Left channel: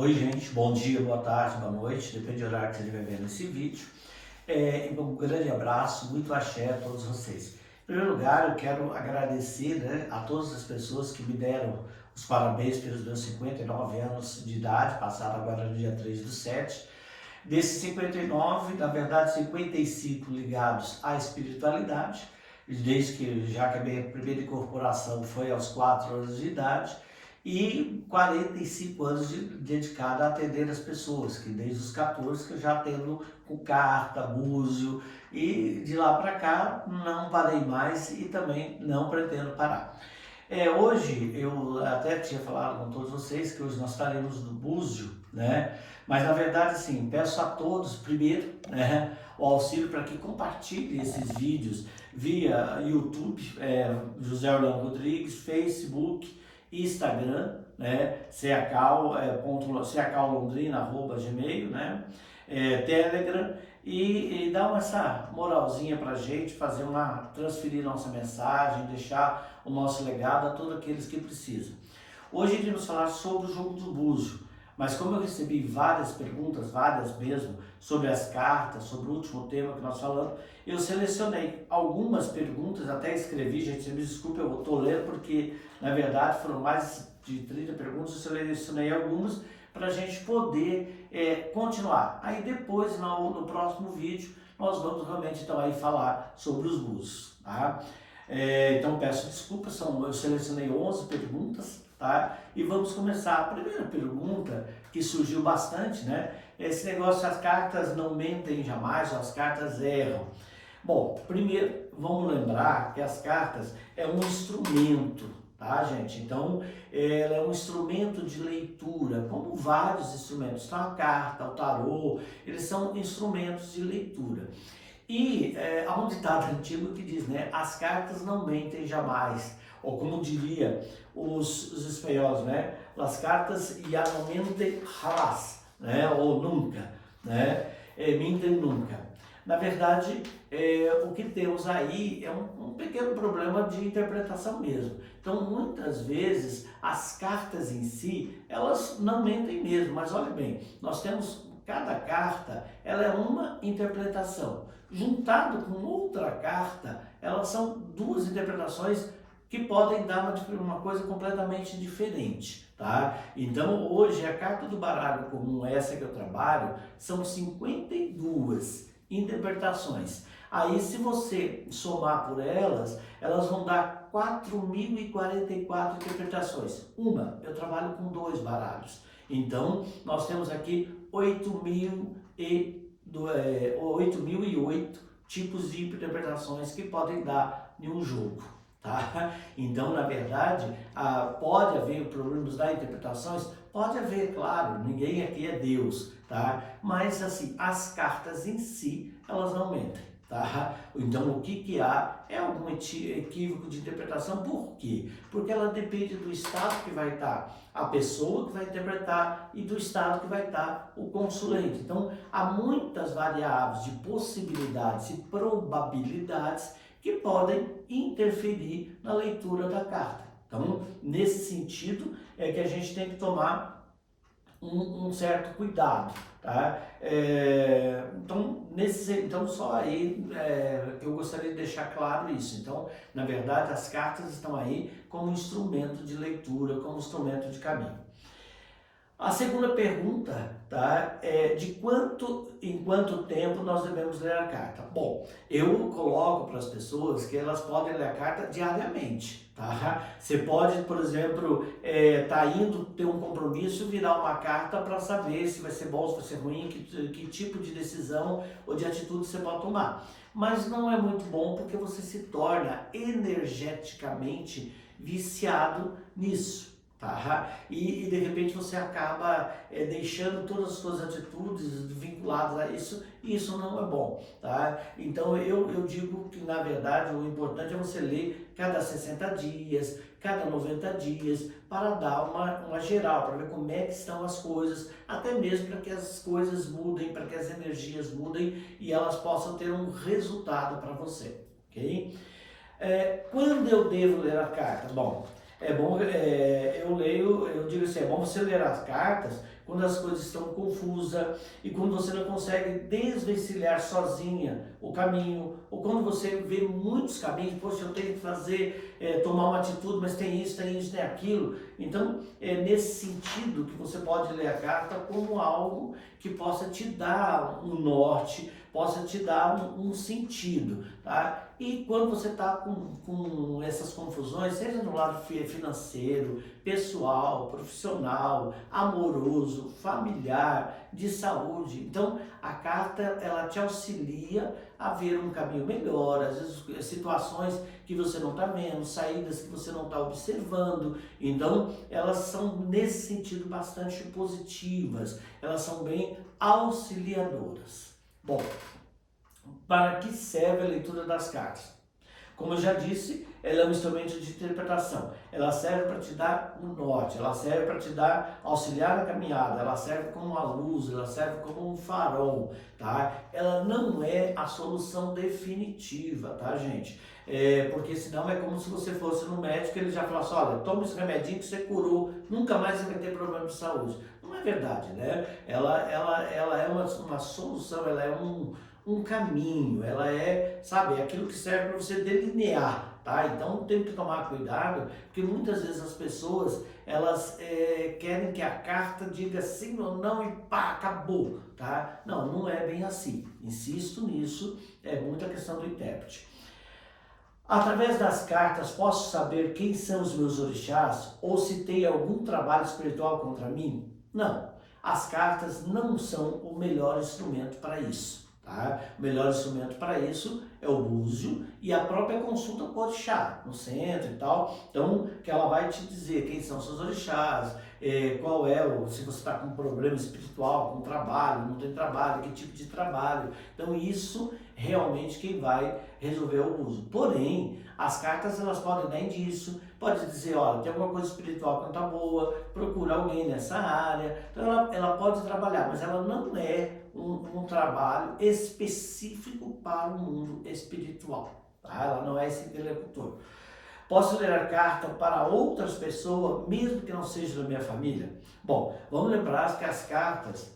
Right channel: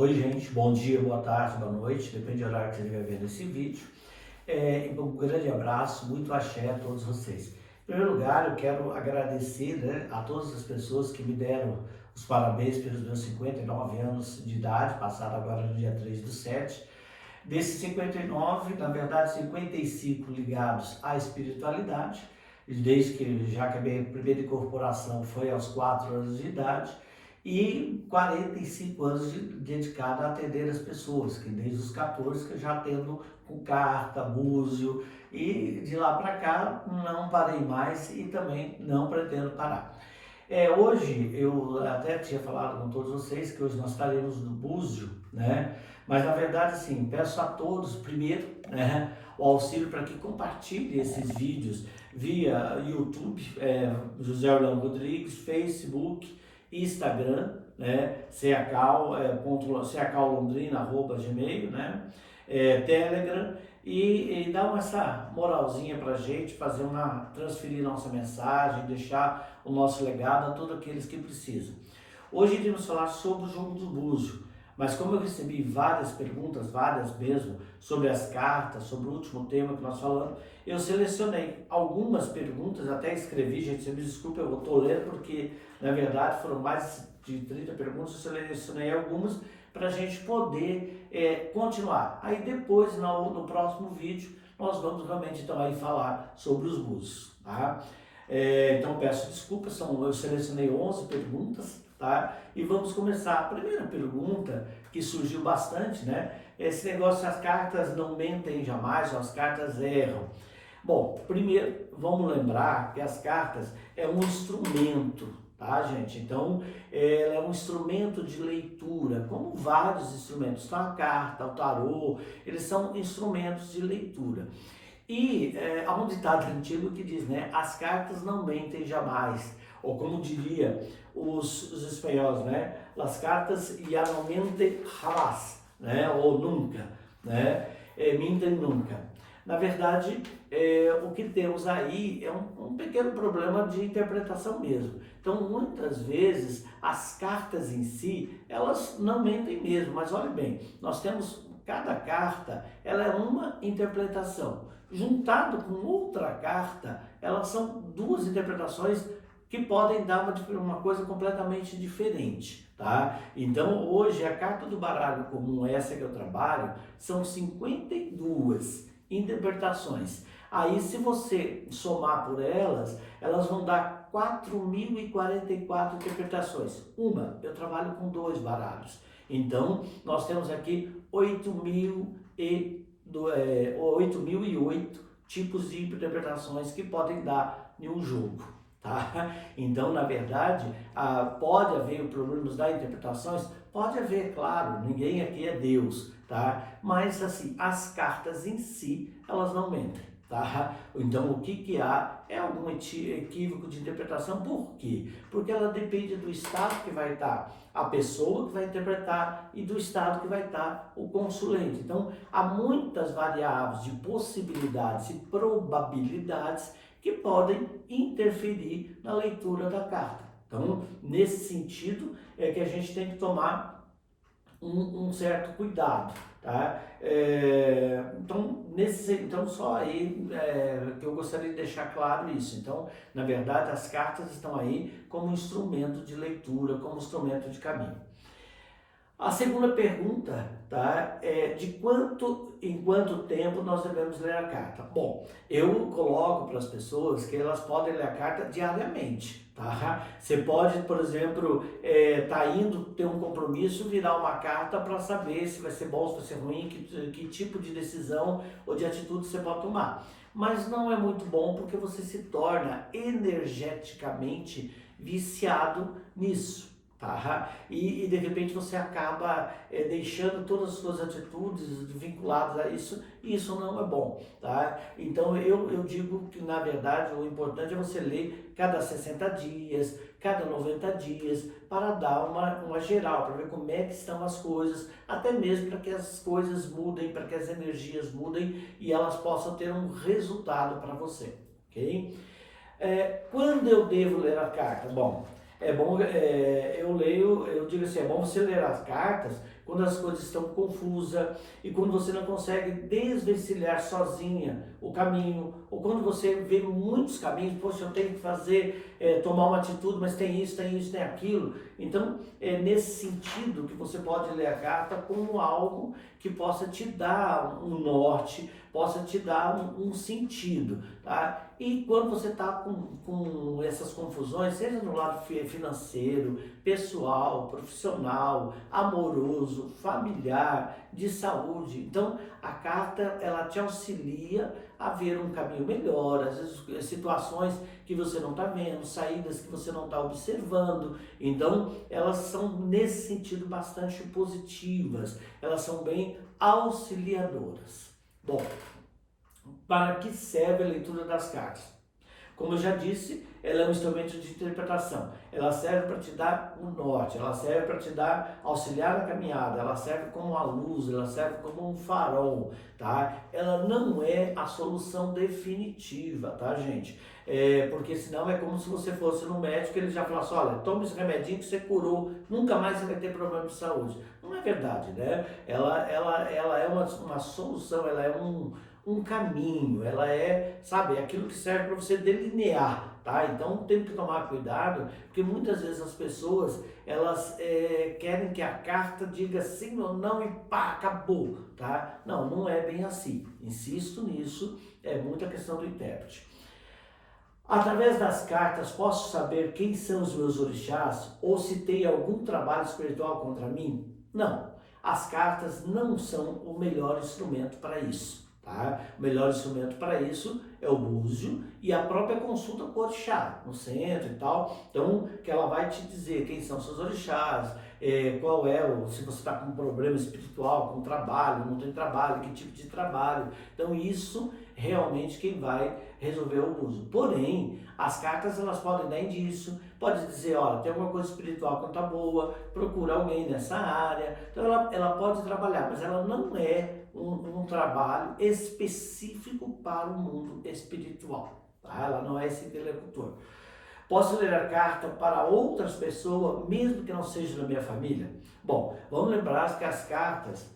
Oi, gente, bom dia, boa tarde, boa noite, depende do horário que você estiver vendo esse vídeo. Um grande abraço, muito axé a todos vocês. Em primeiro lugar, eu quero agradecer, a todas as pessoas que me deram os parabéns pelos meus 59 anos de idade, passado agora no dia 3/7. Desses 59, na verdade, 55 ligados à espiritualidade, desde que já que a minha primeira incorporação foi aos 4 anos de idade, e 45 anos dedicado a atender as pessoas, que desde os 14 que eu já atendo com carta, búzio, e de lá para cá não parei mais e também não pretendo parar. Hoje eu até tinha falado com todos vocês que hoje nós estaremos no Búzio, né? Mas na verdade, assim, peço a todos, primeiro, né, o auxílio para que compartilhem esses vídeos via YouTube, José Orlando Rodrigues, Facebook, Instagram, né, cacal.londrina@gmail, né, Telegram, e dá essa moralzinha para a gente transferir nossa mensagem, deixar o nosso legado a todos aqueles que precisam. Hoje iremos falar sobre o jogo do búzio, mas como eu recebi várias perguntas, várias mesmo, sobre as cartas, sobre o último tema que nós falamos, eu selecionei algumas perguntas, até escrevi, gente, me desculpe, eu estou lendo porque, na verdade, foram mais de 30 perguntas, eu selecionei algumas para a gente poder continuar. Aí depois, no próximo vídeo, nós vamos realmente então aí falar sobre os búzios, tá? Então peço desculpas, eu selecionei 11 perguntas, tá? E vamos começar. A primeira pergunta que surgiu bastante, né? Esse negócio, as cartas não mentem jamais, ou as cartas erram. Bom, primeiro vamos lembrar que as cartas é um instrumento, tá, gente? Então, ela é um instrumento de leitura, como vários instrumentos. Então, a carta, o tarô, eles são instrumentos de leitura. E há um ditado antigo que diz, né, as cartas não mentem jamais, ou como diria os espanhóis, né, las cartas ya no mentem jamás, né, ou nunca, né, mentem nunca. Na verdade, o que temos aí é um pequeno problema de interpretação mesmo. Então, muitas vezes, as cartas em si, elas não mentem mesmo, mas olha bem, nós temos, cada carta, ela é uma interpretação. Juntado com outra carta, elas são duas interpretações que podem dar uma coisa completamente diferente, tá? Então, hoje, a carta do baralho comum, essa que eu trabalho, são 52 interpretações. Aí, se você somar por elas, elas vão dar 4.044 interpretações. Eu trabalho com 2 baralhos. Então, nós temos aqui 8.008 tipos de interpretações que podem dar em um jogo, tá? Então, na verdade, pode haver problemas das interpretações? Pode haver, claro, ninguém aqui é Deus, tá? Mas, assim, as cartas em si, elas não mentem, tá? Então, o que há é algum equívoco de interpretação. Por quê? Porque ela depende do estado que vai estar a pessoa que vai interpretar e do estado que vai estar o consulente. Então, há muitas variáveis de possibilidades e probabilidades que podem interferir na leitura da carta. Então, nesse sentido, é que a gente tem que tomar um certo cuidado, tá? Então só aí que eu gostaria de deixar claro isso. Então, na verdade, as cartas estão aí como instrumento de leitura, como instrumento de caminho. A segunda pergunta, tá, é em quanto tempo nós devemos ler a carta? Bom, eu coloco para as pessoas que elas podem ler a carta diariamente, tá? Você pode, por exemplo, tá indo ter um compromisso, virar uma carta para saber se vai ser bom, se vai ser ruim, que tipo de decisão ou de atitude você pode tomar. Mas não é muito bom porque você se torna energeticamente viciado nisso. Tá? E de repente você acaba deixando todas as suas atitudes vinculadas a isso, e isso não é bom, tá? Então eu digo que na verdade o importante é você ler cada 60 dias, cada 90 dias, para dar uma geral, para ver como é que estão as coisas, até mesmo para que as coisas mudem, para que as energias mudem e elas possam ter um resultado para você, ok? Quando eu devo ler a carta? Bom, É bom, eu leio, eu digo assim, é bom você ler as cartas quando as coisas estão confusas e quando você não consegue desvencilhar sozinha o caminho, ou quando você vê muitos caminhos, poxa, eu tenho que fazer, tomar uma atitude, mas tem isso, tem isso, tem aquilo. Então, é nesse sentido que você pode ler a carta como algo que possa te dar um norte, possa te dar um sentido, tá? E quando você está com essas confusões, seja no lado financeiro, pessoal, profissional, amoroso, familiar, de saúde, então a carta ela te auxilia a ver um caminho melhor, às vezes situações que você não está vendo, saídas que você não está observando, então elas são nesse sentido bastante positivas, elas são bem auxiliadoras. Bom, para que serve a leitura das cartas? Como eu já disse, ela é um instrumento de interpretação. Ela serve para te dar um norte, ela serve para te dar, auxiliar a caminhada, ela serve como uma luz, ela serve como um farol, tá? Ela não é a solução definitiva, tá, gente? Porque senão é como se você fosse no médico e ele já falasse, olha, toma esse remedinho que você curou, nunca mais você vai ter problema de saúde. Não é verdade, né? Ela é uma solução, ela é um caminho, ela é, sabe, aquilo que serve para você delinear, tá? Então tem que tomar cuidado, porque muitas vezes as pessoas, elas querem que a carta diga sim ou não e pá, acabou, tá? Não, não é bem assim. Insisto nisso, é muita questão do intérprete. Através das cartas, posso saber quem são os meus orixás ou se tem algum trabalho espiritual contra mim? Não, as cartas não são o melhor instrumento para isso. Tá? O melhor instrumento para isso é o búzio e a própria consulta com o orixá, no centro e tal. Então, que ela vai te dizer quem são seus orixás, qual é se você está com um problema espiritual, com trabalho, não tem trabalho, que tipo de trabalho. Então, isso realmente quem vai resolver o búzio. Porém, as cartas elas podem dar indício, pode dizer, olha, tem alguma coisa espiritual que não está boa, procura alguém nessa área. Então, ela pode trabalhar, mas ela não é um trabalho específico para o mundo espiritual, tá? Ela não é esse interlocutor. Posso ler a carta para outras pessoas, mesmo que não seja da minha família? Bom, vamos lembrar que as cartas,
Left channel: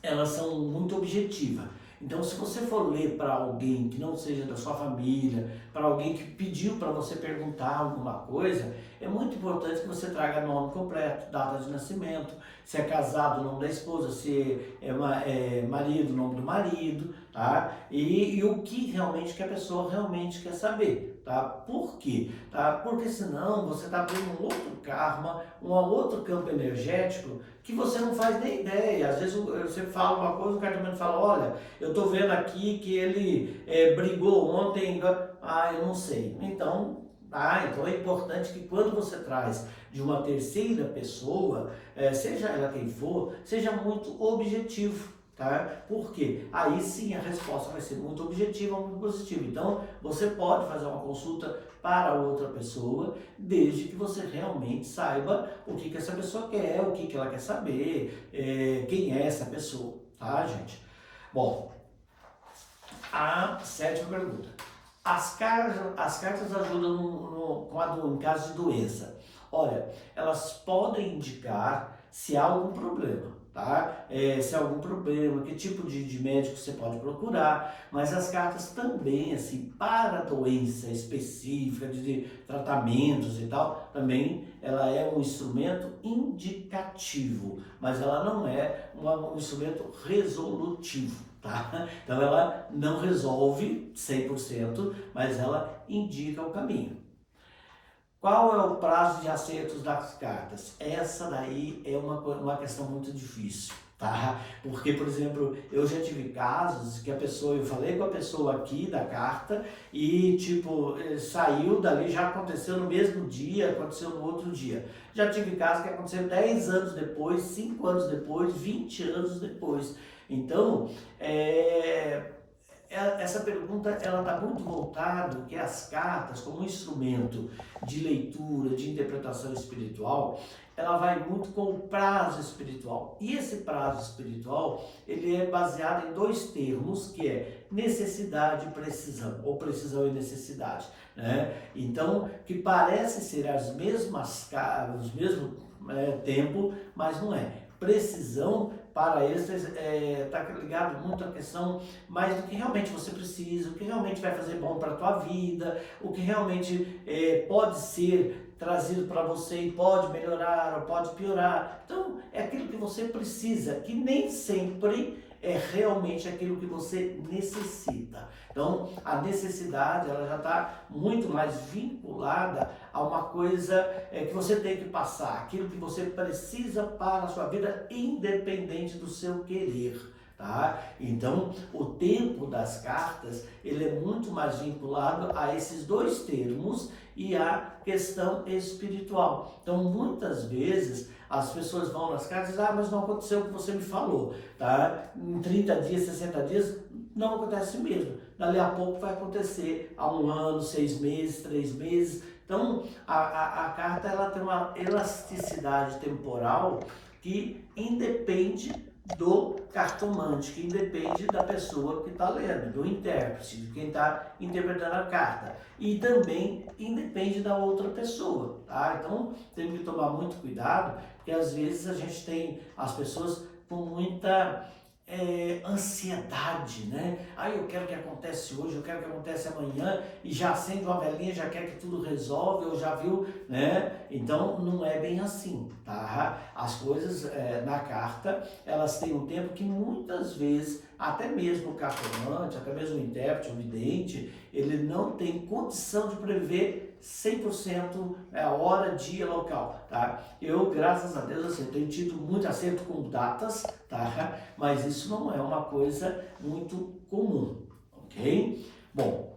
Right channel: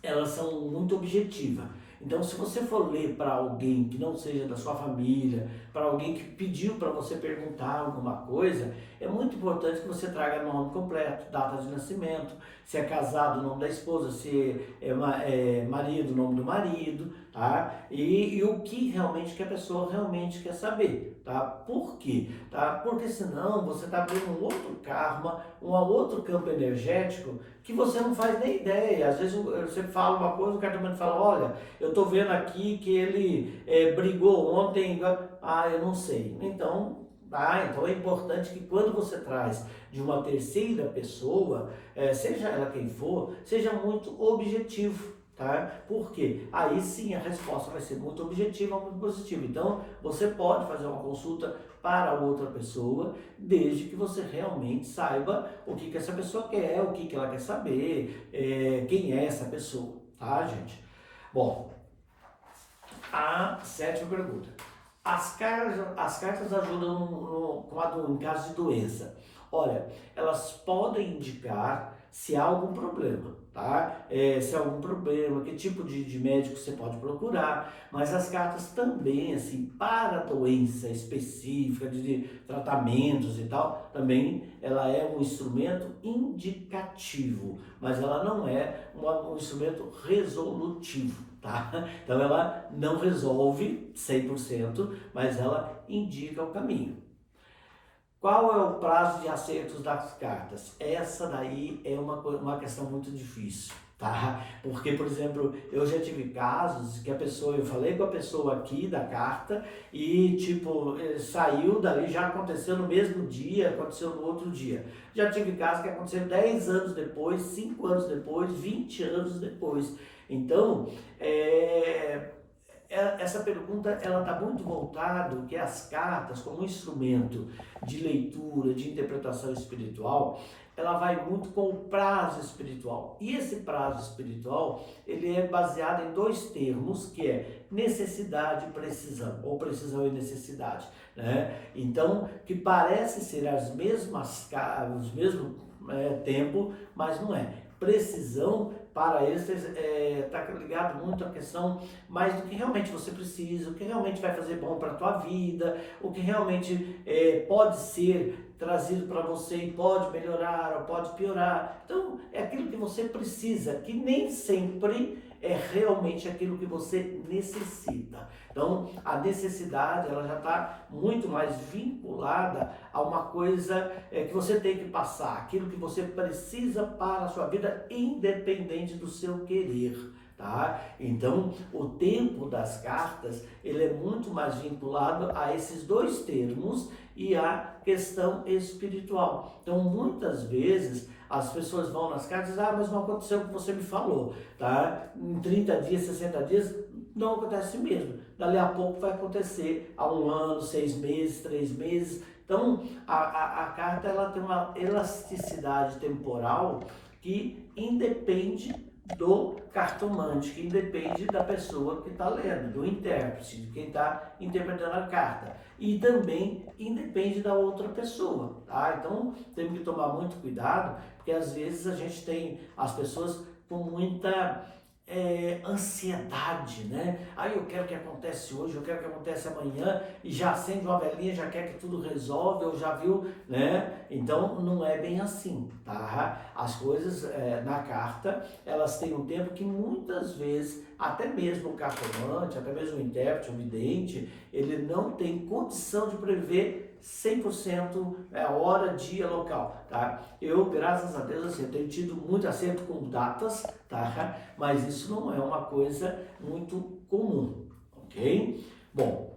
elas são muito objetivas. Então, se você for ler para alguém que não seja da sua família, para alguém que pediu para você perguntar alguma coisa, é muito importante que você traga nome completo, data de nascimento, se é casado, o nome da esposa, se é marido, o nome do marido, tá? E o que realmente que a pessoa realmente quer saber, tá? Por quê? Tá? Porque senão você está abrindo um outro karma, um outro campo energético que você não faz nem ideia. Às vezes você fala uma coisa, o cartomante fala, olha, eu estou vendo aqui que ele brigou ontem, eu não sei. Então é importante que quando você traz de uma terceira pessoa, seja ela quem for, seja muito objetivo. Tá? Porque aí sim a resposta vai ser muito objetiva, muito positiva. Então você pode fazer uma consulta para outra pessoa, desde que você realmente saiba o que essa pessoa quer, o que ela quer saber, quem é essa pessoa, tá, gente? Bom, a sétima pergunta. As cartas ajudam em caso de doença. Olha, elas podem indicar se há algum problema, tá? Se há algum problema, que tipo de médico você pode procurar, mas as cartas também, assim, para doença específica, de tratamentos e tal, também ela é um instrumento indicativo, mas ela não é um instrumento resolutivo, tá? Então ela não resolve 100%, mas ela indica o caminho. Qual é o prazo de acertos das cartas? Essa daí é uma questão muito difícil, tá? Porque, por exemplo, eu já tive casos que eu falei com a pessoa aqui da carta e, tipo, saiu dali, já aconteceu no mesmo dia, aconteceu no outro dia. Já tive casos que aconteceram 10 anos depois, 5 anos depois, 20 anos depois. Então, essa pergunta ela está muito voltada que as cartas como um instrumento de leitura, de interpretação espiritual, ela vai muito com o prazo espiritual. E esse prazo espiritual, ele é baseado em dois termos, que é necessidade e precisão, ou precisão e necessidade. né? Então, que parece ser os mesmos tempo, mas não é. Precisão para eles está ligado muito à questão mais do que realmente você precisa, o que realmente vai fazer bom para a tua vida, o que realmente pode ser trazido para você e pode melhorar ou pode piorar. Então, é aquilo que você precisa, que nem sempre é realmente aquilo que você necessita. Então, a necessidade, ela já está muito mais vinculada a uma coisa que você tem que passar, aquilo que você precisa para a sua vida, independente do seu querer. Tá? Então, o tempo das cartas, ele é muito mais vinculado a esses dois termos e a questão espiritual. Então, muitas vezes, as pessoas vão nas cartas e dizem, mas não aconteceu o que você me falou, tá? Em 30 dias, 60 dias, não acontece mesmo. Dali a pouco vai acontecer há 1 ano, 6 meses, 3 meses. Então, a carta, ela tem uma elasticidade temporal que independe do cartomante, que independe da pessoa que está lendo, do intérprete, de quem está interpretando a carta. E também independe da outra pessoa, tá? Então, temos que tomar muito cuidado, porque às vezes a gente tem as pessoas com muita ansiedade, né? Aí eu quero que acontece hoje, eu quero que acontece amanhã, e já acende uma velhinha, já quer que tudo resolve, ou já viu, né? Então não é bem assim, tá? As coisas na carta, elas têm um tempo que muitas vezes, até mesmo o cartomante, até mesmo o intérprete, o vidente, ele não tem condição de prever 100% a hora, dia, local, tá? Eu, graças a Deus, assim, tenho tido muito acerto com datas, tá? Mas isso não é uma coisa muito comum, ok? Bom,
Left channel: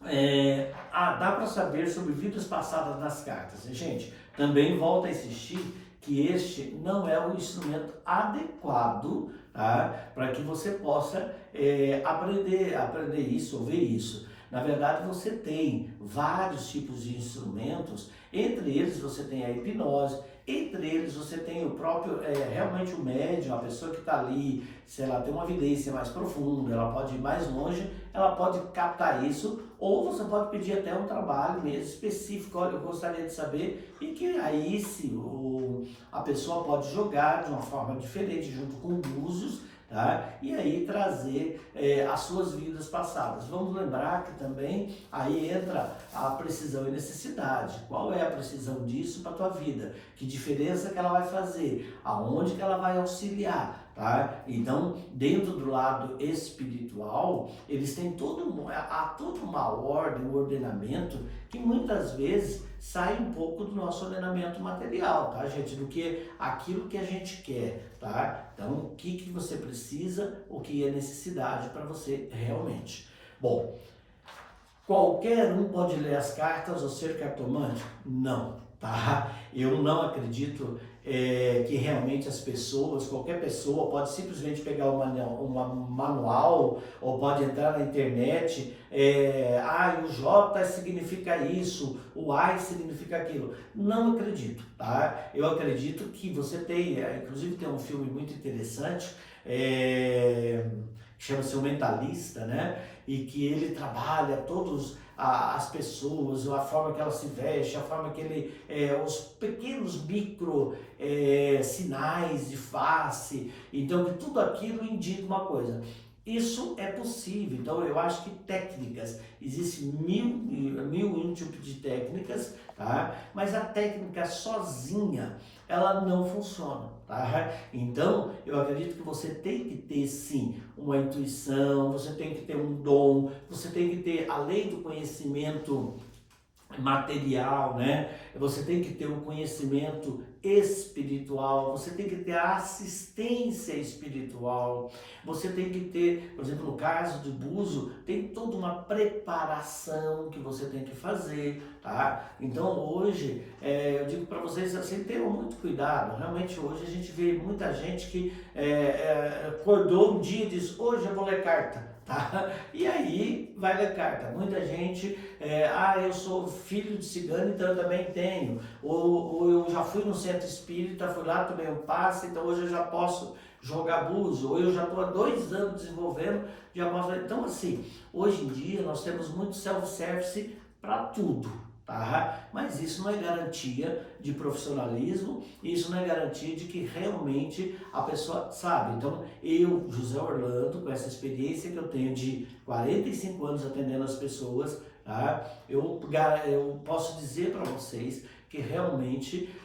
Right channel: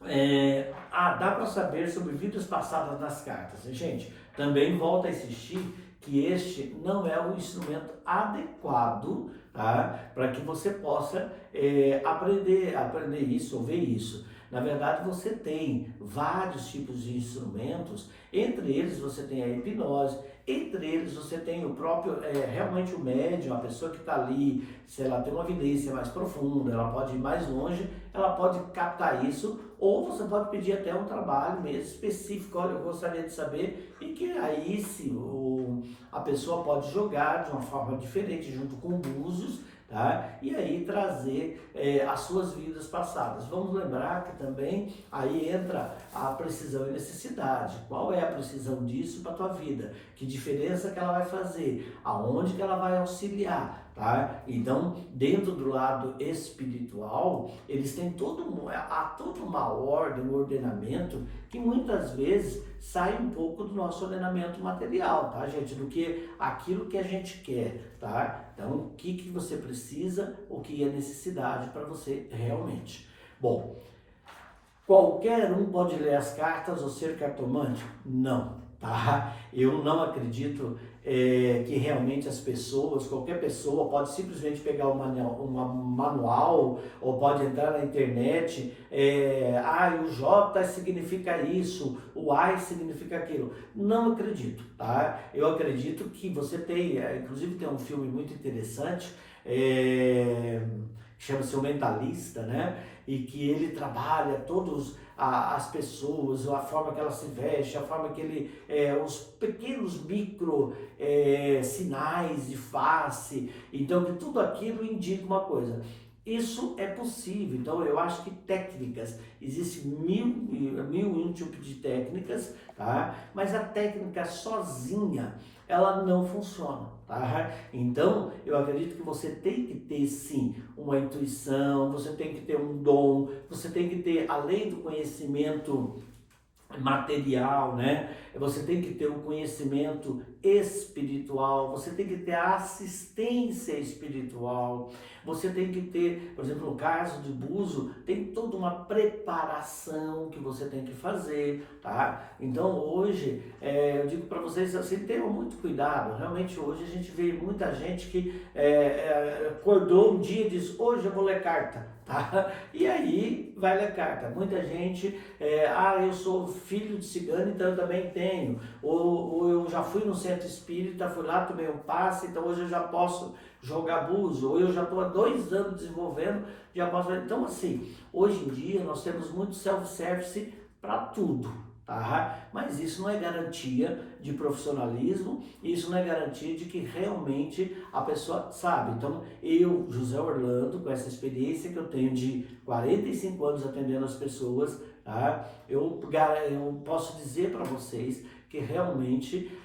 dá para saber sobre vidas passadas nas cartas. Gente, também volto a insistir que este não é o instrumento adequado, tá? Para que você possa aprender isso ou ver isso. Na verdade, você tem vários tipos de instrumentos, entre eles você tem a hipnose, entre eles você tem o próprio, realmente o médium, a pessoa que está ali, se ela tem uma evidência mais profunda, ela pode ir mais longe, ela pode captar isso, ou você pode pedir até um trabalho mesmo específico, olha, eu gostaria de saber, e que aí a pessoa pode jogar de uma forma diferente, junto com búzios, tá? E aí trazer as suas vidas passadas. Vamos lembrar que também aí entra a precisão e necessidade. Qual é a precisão disso para a tua vida? Que diferença que ela vai fazer? Aonde que ela vai auxiliar? Tá? Então, dentro do lado espiritual, eles têm há toda uma ordem, um ordenamento que muitas vezes sai um pouco do nosso ordenamento material, tá, gente? Do que aquilo que a gente quer, tá? Então, o que você precisa, o que é necessidade para você realmente. Bom, qualquer um pode ler as cartas ou ser cartomante? Não, tá? Eu não acredito que realmente as pessoas, qualquer pessoa pode simplesmente pegar um manual ou pode entrar na internet, o J significa isso, o I significa aquilo. Não acredito, tá? Eu acredito que você tem, inclusive tem um filme muito interessante, chama-se O Mentalista, né? E que ele trabalha todos as pessoas, a forma que ela se veste, a forma que ele, os pequenos micro sinais de face, então que tudo aquilo indica uma coisa. Isso é possível, então eu acho que técnicas, existem mil e um tipos de técnicas, tá? Mas a técnica sozinha, ela não funciona, tá? Então, eu acredito que você tem que ter sim uma intuição, você tem que ter um dom, você tem que ter, além do conhecimento material, né? Você tem que ter um conhecimento espiritual, você tem que ter a assistência espiritual, você tem que ter, por exemplo, no caso de Buzo, tem toda uma preparação que você tem que fazer, tá? Então hoje, eu digo para vocês assim, tenham muito cuidado, realmente hoje a gente vê muita gente que acordou um dia e diz, hoje eu vou ler carta, tá? E aí vai ler carta, muita gente, eu sou filho de cigano, então eu também tenho, ou eu já fui no centro espírita, fui lá, tomei um passe, então hoje eu já posso jogar buzo, ou eu já estou há 2 anos desenvolvendo, já posso. Então assim, hoje em dia nós temos muito self-service para tudo, tá? Mas isso não é garantia de profissionalismo, isso não é garantia de que realmente a pessoa sabe. Então, eu, José Orlando, com essa experiência que eu tenho de 45 anos atendendo as pessoas, tá? Eu posso dizer para vocês que realmente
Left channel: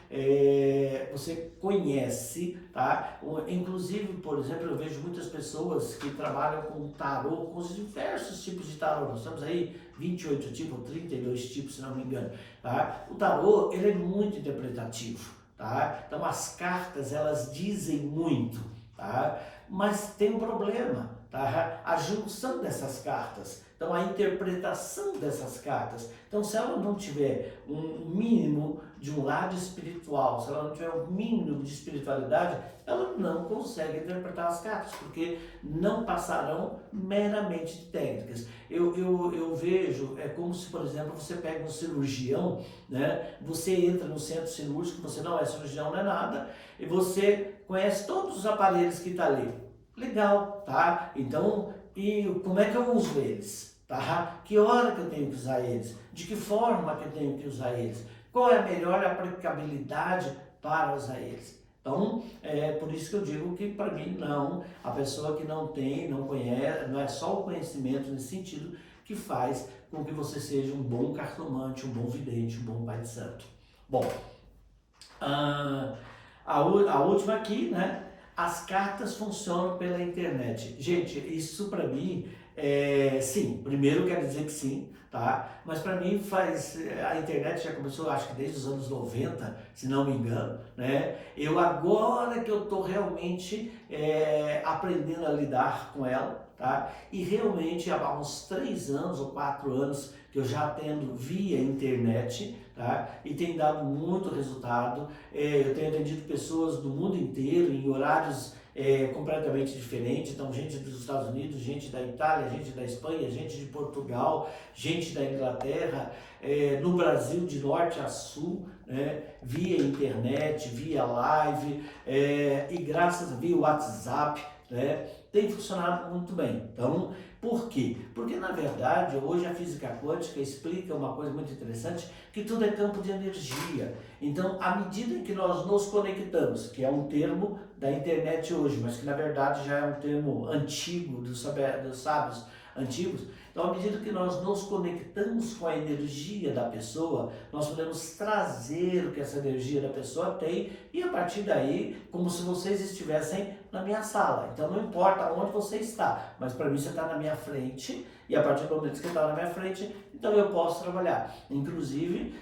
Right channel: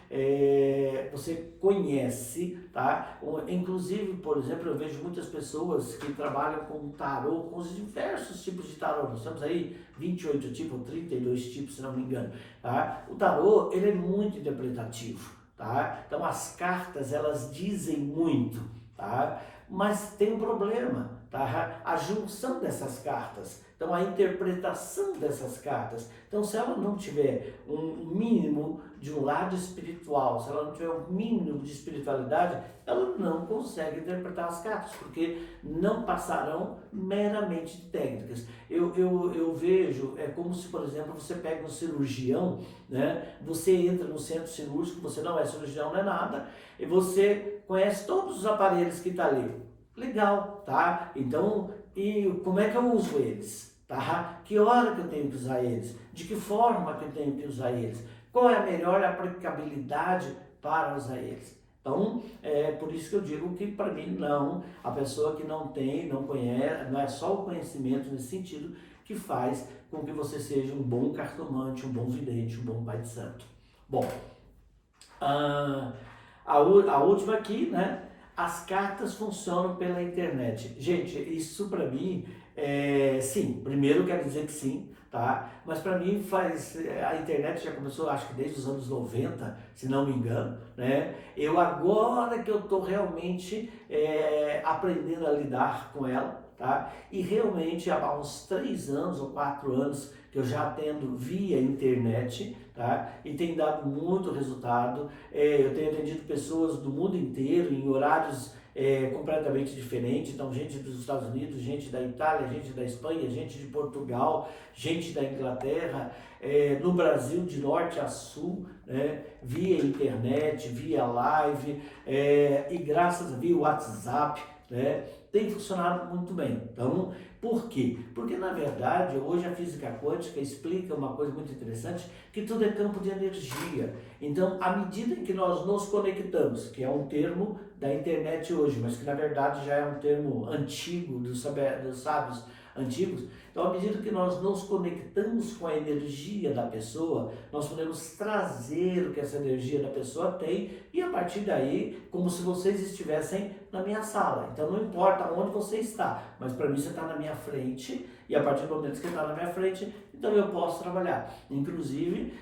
você conhece, tá? Inclusive, por exemplo, eu vejo muitas pessoas que trabalham com tarô, com os diversos tipos de tarô. Nós temos aí 28 tipos, 32 tipos, se não me engano, tá? O tarô, ele é muito interpretativo, tá? Então, as cartas, elas dizem muito, tá? Mas tem um problema, tá? A junção dessas cartas, então a interpretação dessas cartas. Então, se ela não tiver um mínimo de um lado espiritual, se ela não tiver um mínimo de espiritualidade, ela não consegue interpretar as cartas, porque não passarão meramente de técnicas. Eu vejo, é como se, por exemplo, você pega um cirurgião, né? Você entra no centro cirúrgico, você não é cirurgião, não é nada, e você conhece todos os aparelhos que estão ali. Legal, tá? Então, e como é que eu uso eles? Tá? Que hora que eu tenho que usar eles? De que forma que eu tenho que usar eles? Qual é a melhor aplicabilidade para usar eles? Então, é por isso que eu digo que para mim não, a pessoa que não tem, não conhece, não é só o conhecimento nesse sentido que faz com que você seja um bom cartomante, um bom vidente, um bom pai de santo. Bom, a última aqui, né? As cartas funcionam pela internet. Gente, isso para mim, sim, primeiro eu quero dizer que sim, tá? Mas para mim a internet já começou, acho que desde os anos 90, se não me engano, né? Agora que eu estou realmente aprendendo a lidar com ela, tá? E realmente há uns 3 anos ou 4 anos que eu já atendo via internet, tá? E tem dado muito resultado. Eu tenho atendido pessoas do mundo inteiro em horários completamente diferentes. Então, gente dos Estados Unidos, gente da Itália, gente da Espanha, gente de Portugal, gente da Inglaterra, no Brasil de norte a sul, né? Via internet, via live, e graças a via WhatsApp, né? Tem funcionado muito bem. Então, por quê? Porque, na verdade, hoje a física quântica explica uma coisa muito interessante, que tudo é campo de energia. Então, à medida em que nós nos conectamos, que é um termo da internet hoje, mas que, na verdade, já é um termo antigo, dos sábios antigos, então, à medida que nós nos conectamos com a energia da pessoa, nós podemos trazer o que essa energia da pessoa tem e, a partir daí, como se vocês estivessem na minha sala. Então, não importa onde você está, mas para mim você está na minha frente, e a partir do momento que você está na minha frente, então eu posso trabalhar. Inclusive,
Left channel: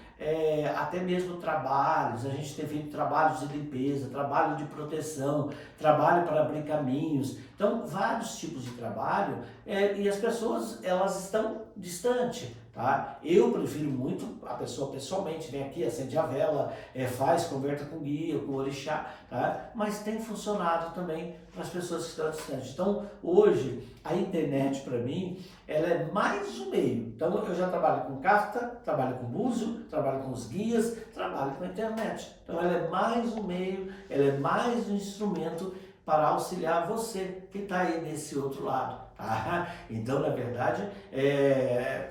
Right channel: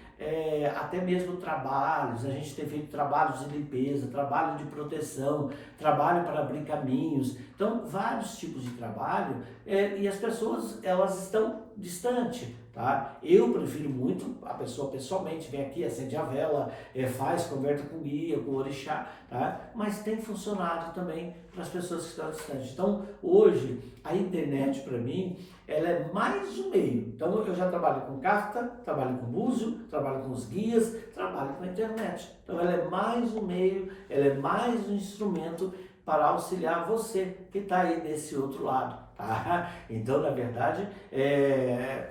até mesmo trabalhos, a gente tem feito trabalhos de limpeza, trabalho de proteção, trabalho para abrir caminhos, então vários tipos de trabalho, e as pessoas, elas estão distantes, tá? Eu prefiro muito a pessoa pessoalmente, vem aqui, acende a vela, faz, conversa com guia, com orixá, tá? Mas tem funcionado também para as pessoas que estão distantes. Então, hoje, a internet para mim, ela é mais um meio. Então, eu já trabalho com carta, trabalho com búzio, trabalho com os guias, trabalho com a internet. Então, ela é mais um meio, ela é mais um instrumento para auxiliar você que está aí desse outro lado, tá? Então, na verdade,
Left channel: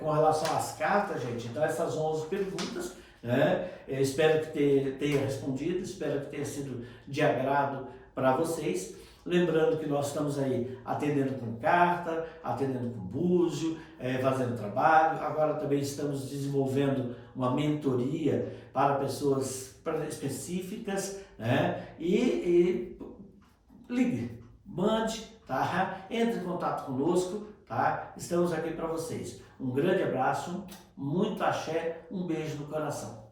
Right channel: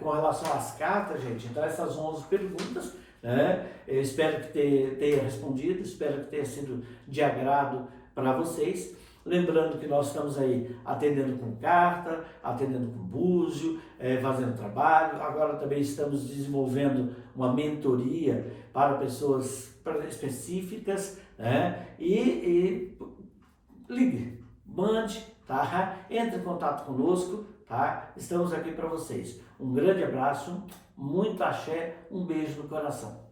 com relação às cartas, gente, então essas 11 perguntas, né? Eu espero que tenha respondido, espero que tenha sido de agrado para vocês. Lembrando que nós estamos aí atendendo com carta, atendendo com búzio, fazendo trabalho. Agora também estamos desenvolvendo uma mentoria para pessoas específicas, né? E ligue, mande, tá? Entre em contato conosco, tá? Estamos aqui para vocês. Um grande abraço, muito axé, um beijo no coração.